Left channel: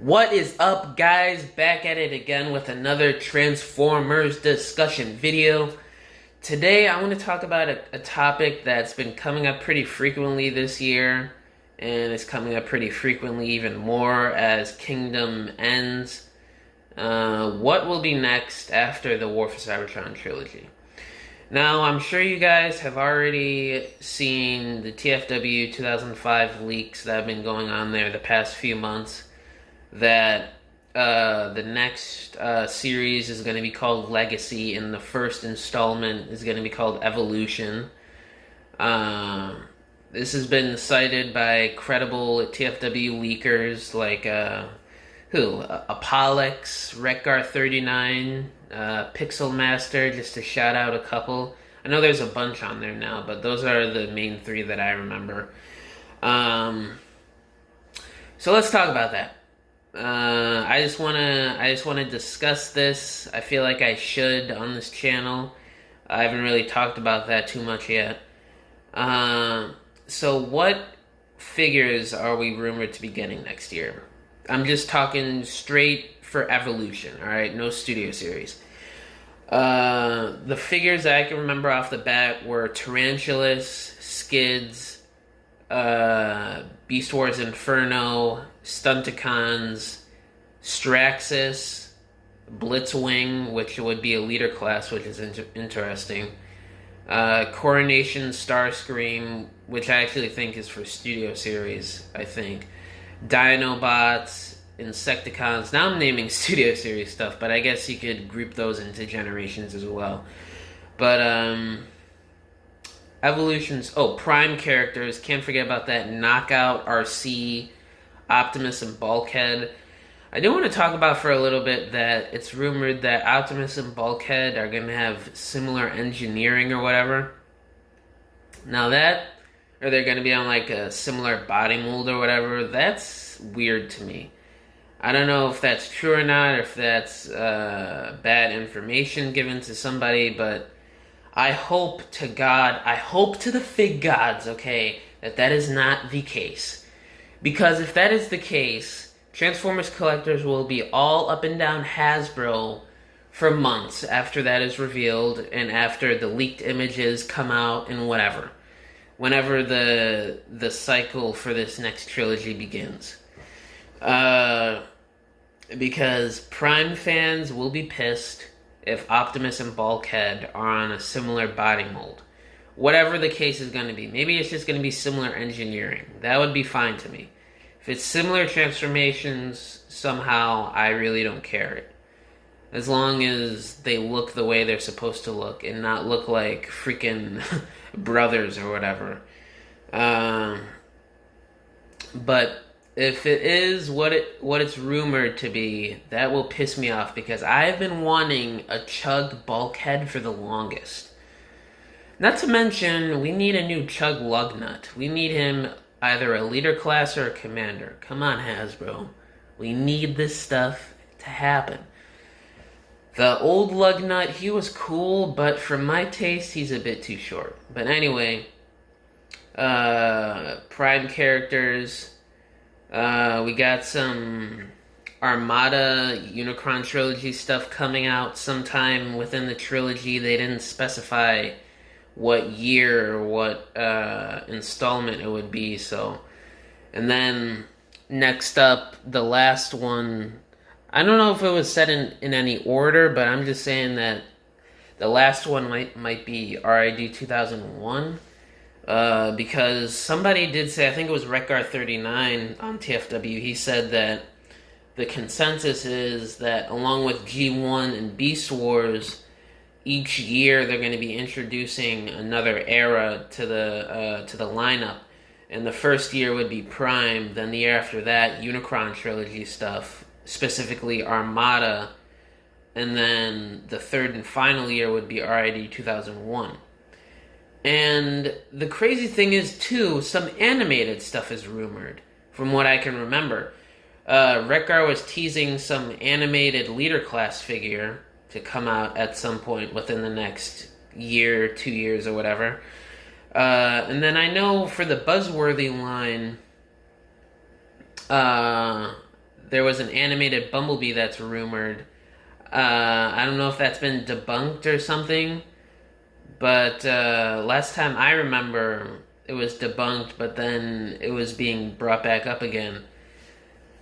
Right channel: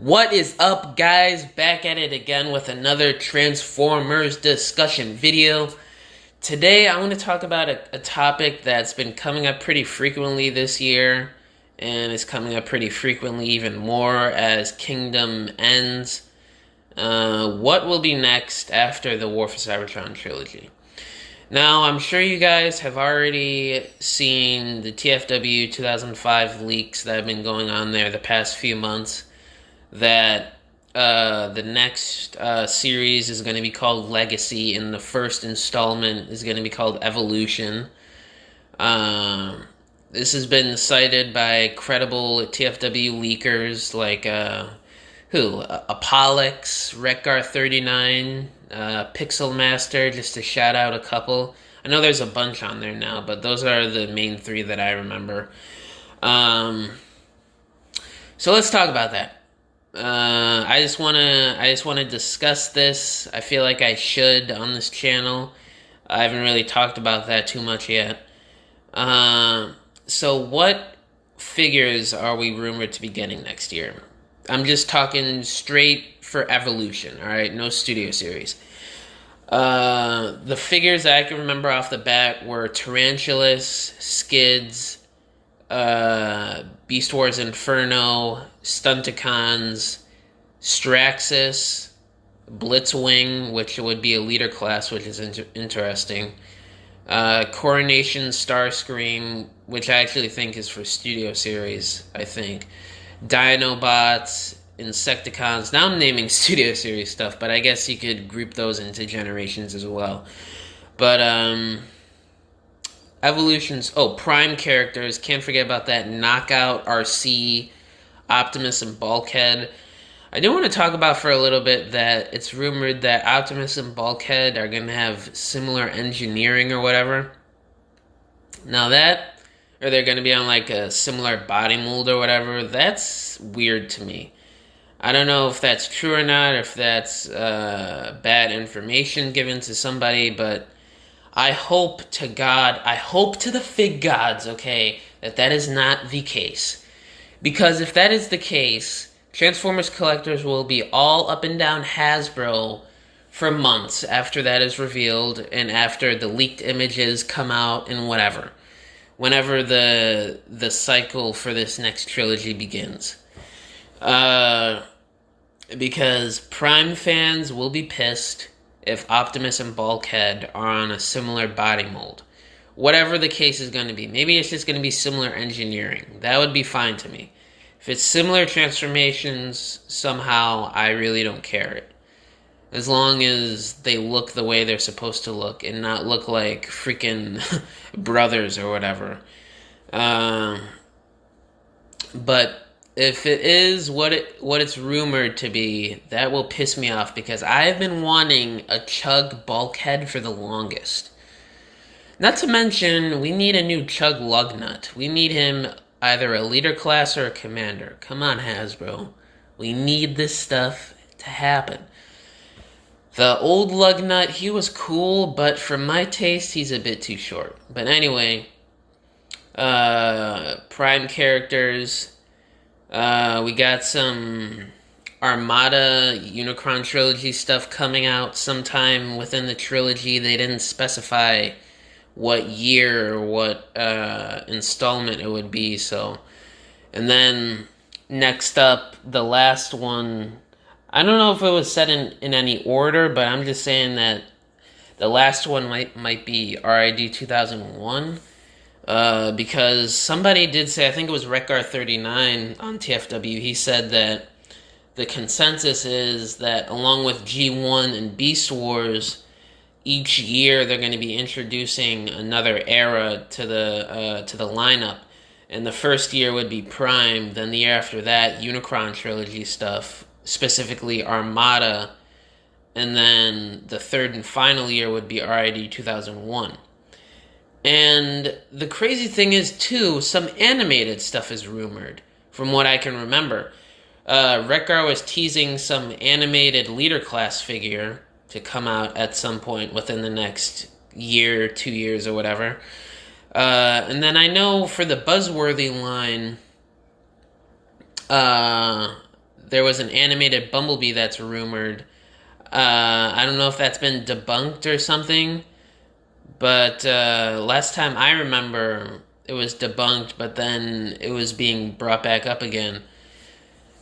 What is up, guys? Back at it again with another Transformers discussion video. Today, I want to talk about a topic that's been coming up pretty frequently this year, and it's coming up pretty frequently even more as Kingdom ends. What will be next after the War for Cybertron trilogy? Now, I'm sure you guys have already seen the TFW 2005 leaks that have been going on there the past few months, that the next series is going to be called Legacy, and the first installment is going to be called Evolution. This has been cited by credible TFW leakers like Apollox, Wreckgar39, Pixel Master, just to shout out a couple. I know there's a bunch on there now, but those are the main three that I remember. So let's talk about that. I just wanna discuss this. I feel like I should on this channel. I haven't really talked about that too much yet. So what figures are we rumored to be getting next year? I'm just talking straight for Evolution, alright? No studio series. The figures that I can remember off the bat were Tarantulas, Skids, Beast Wars Inferno, Stunticons, Straxus, Blitzwing, which would be a leader class, which is interesting. Coronation Starscream, which I actually think is for studio series, I think. Dinobots, Insecticons. Now I'm naming studio series stuff, but I guess you could group those into generations as well. But, Evolutions. Oh, Prime characters. Can't forget about that. Knockout, RC, Optimus, and Bulkhead. I do want to talk about for a little bit that it's rumored that Optimus and Bulkhead are going to have similar engineering or whatever. Now that, or they're going to be on like a similar body mold or whatever, that's weird to me. I don't know if that's true or not, or if that's bad information given to somebody, but I hope to God, I hope to the fig gods, okay, that is not the case. Because if that is the case, Transformers collectors will be all up and down Hasbro for months after that is revealed and after the leaked images come out and whatever. Whenever the cycle for this next trilogy begins. Because Prime fans will be pissed if Optimus and Bulkhead are on a similar body mold. Whatever the case is going to be. Maybe it's just going to be similar engineering. That would be fine to me. If it's similar transformations, somehow, I really don't care. As long as they look the way they're supposed to look and not look like freaking brothers or whatever. But if it is what it's rumored to be, that will piss me off because I've been wanting a Chug Bulkhead for the longest. Not to mention, we need a new Chug Lugnut. We need him either a leader class or a commander. Come on, Hasbro. We need this stuff to happen. The old Lugnut, he was cool, but for my taste, he's a bit too short. But anyway, Prime characters. We got some Armada Unicron trilogy stuff coming out sometime within the trilogy. They didn't specify what year or what installment it would be. So, and then next up, the last one. I don't know if it was set in any order, but I'm just saying that the last one might be RID 2001. Because somebody did say, I think it was Wreckgar39 on TFW, he said that the consensus is that along with G1 and Beast Wars, each year they're going to be introducing another era to the lineup. And the first year would be Prime, then the year after that, Unicron trilogy stuff, specifically Armada, and then the third and final year would be RID 2001. And the crazy thing is, too, some animated stuff is rumored, from what I can remember. Wreckgar was teasing some animated leader class figure to come out at some point within the next year, 2 years, or whatever. And then I know for the Buzzworthy line, there was an animated Bumblebee that's rumored. I don't know if that's been debunked or something, but last time I remember, it was debunked, but then it was being brought back up again.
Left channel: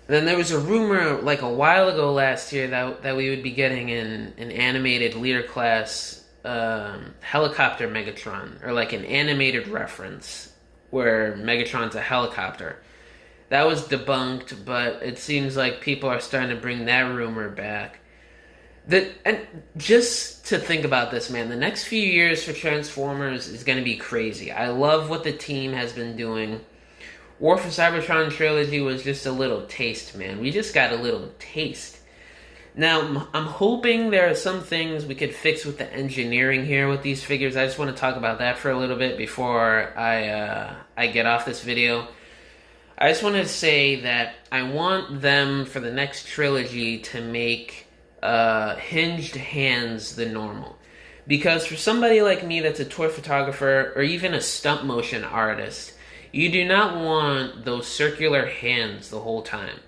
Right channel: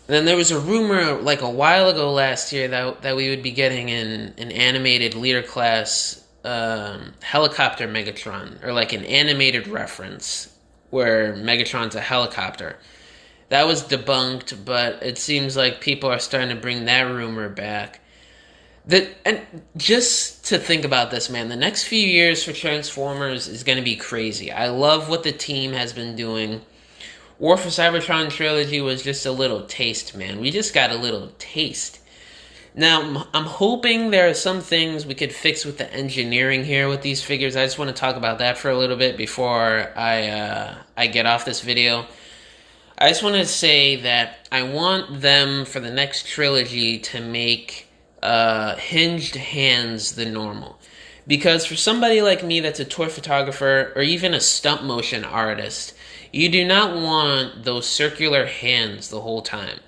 Then there was a rumor like a while ago last year that we would be getting an animated leader class helicopter Megatron, or like an animated reference where Megatron's a helicopter. That was debunked, but it seems like people are starting to bring that rumor back. And just to think about this, man, the next few years for Transformers is going to be crazy. I love what the team has been doing. War for Cybertron trilogy was just a little taste, man. We just got a little taste. Now, I'm hoping there are some things we could fix with the engineering here with these figures. I just want to talk about that for a little bit before I get off this video. I just want to say that I want them, for the next trilogy, to make Hinged Hands the normal. Because for somebody like me that's a toy photographer or even a stop motion artist, you do not want those circular hands the whole time.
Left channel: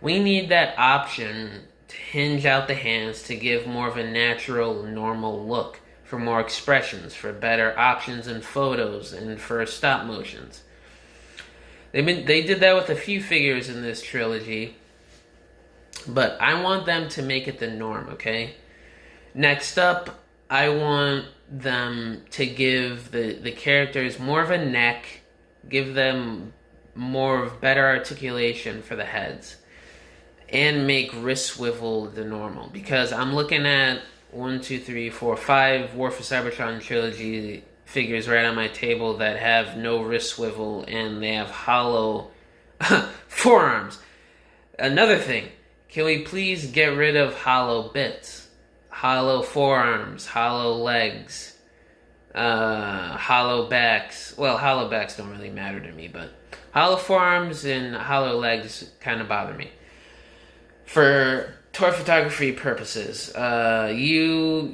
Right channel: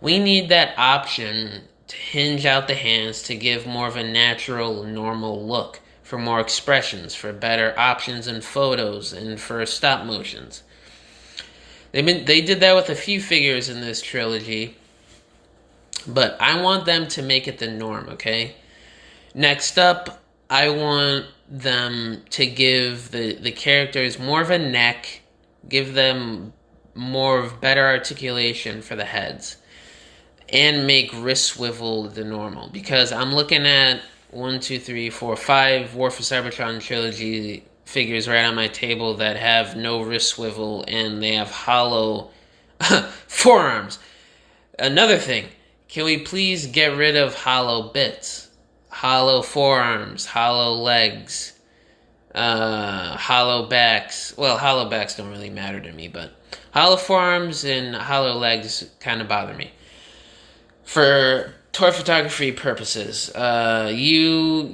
We need that option to hinge out the hands to give more of a natural, normal look, for more expressions, for better options in photos, and for stop motions. They did that with a few figures in this trilogy, but I want them to make it the norm, okay? Next up, I want them to give the characters more of a neck, give them more of better articulation for the heads, and make wrist swivel the normal. Because I'm looking at 5 War for Cybertron trilogy figures right on my table that have no wrist swivel, and they have hollow forearms. Another thing, can we please get rid of hollow bits? Hollow forearms, hollow legs, hollow backs. Well, hollow backs don't really matter to me, but hollow forearms and hollow legs kind of bother me. For toy photography purposes, you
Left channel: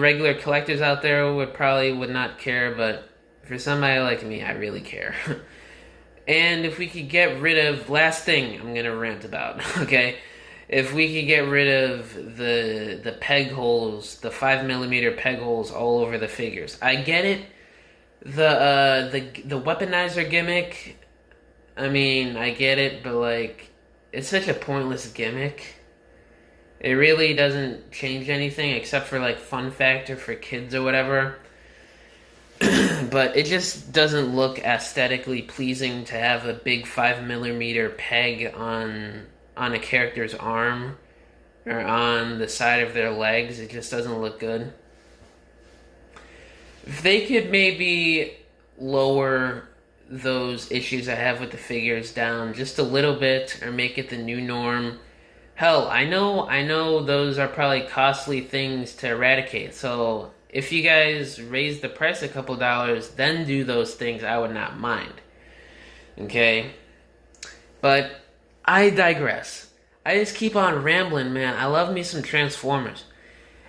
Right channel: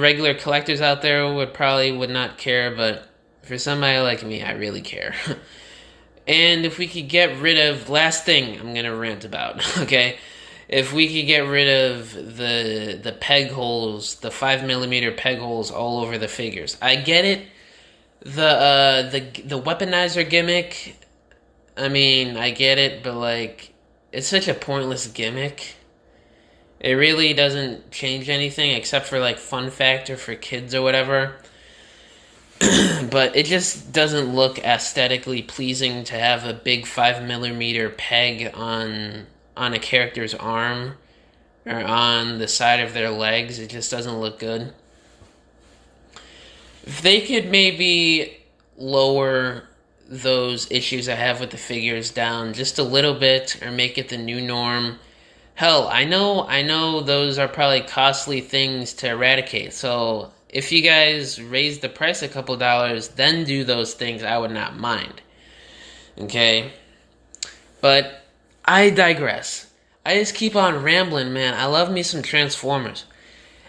regular collectors out there would not care, but for somebody like me, I really care. And if we could get rid of, last thing I'm gonna rant about, okay? If we could get rid of the peg holes, the 5mm peg holes all over the figures. I get it. The weaponizer gimmick, I mean, I get it, but like, it's such a pointless gimmick. It really doesn't change anything except for like fun factor for kids or whatever. But it just doesn't look aesthetically pleasing to have a big 5mm peg on a character's arm or on the side of their legs. It just doesn't look good. If they could maybe lower those issues I have with the figures down just a little bit, or make it the new norm. Hell, I know those are probably costly things to eradicate. So if you guys raise the price a couple dollars, then do those things, I would not mind. Okay? But I digress. I just keep on rambling, man. I love me some Transformers.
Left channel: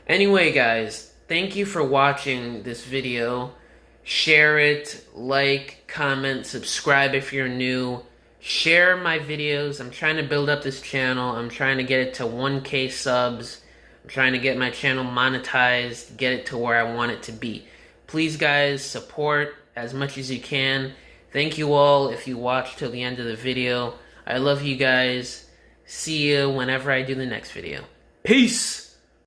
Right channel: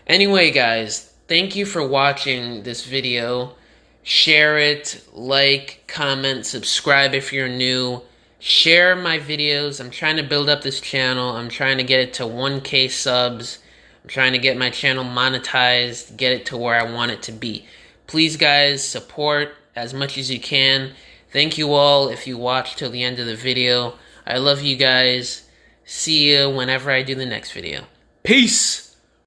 Anyway, guys, thank you for watching this video. Share it, like, comment, subscribe if you're new. Share my videos. I'm trying to build up this channel. I'm trying to get it to 1K subs. I'm trying to get my channel monetized, get it to where I want it to be. Please, guys, support as much as you can. Thank you all if you watched till the end of the video. I love you guys. See you whenever I do the next video. Peace!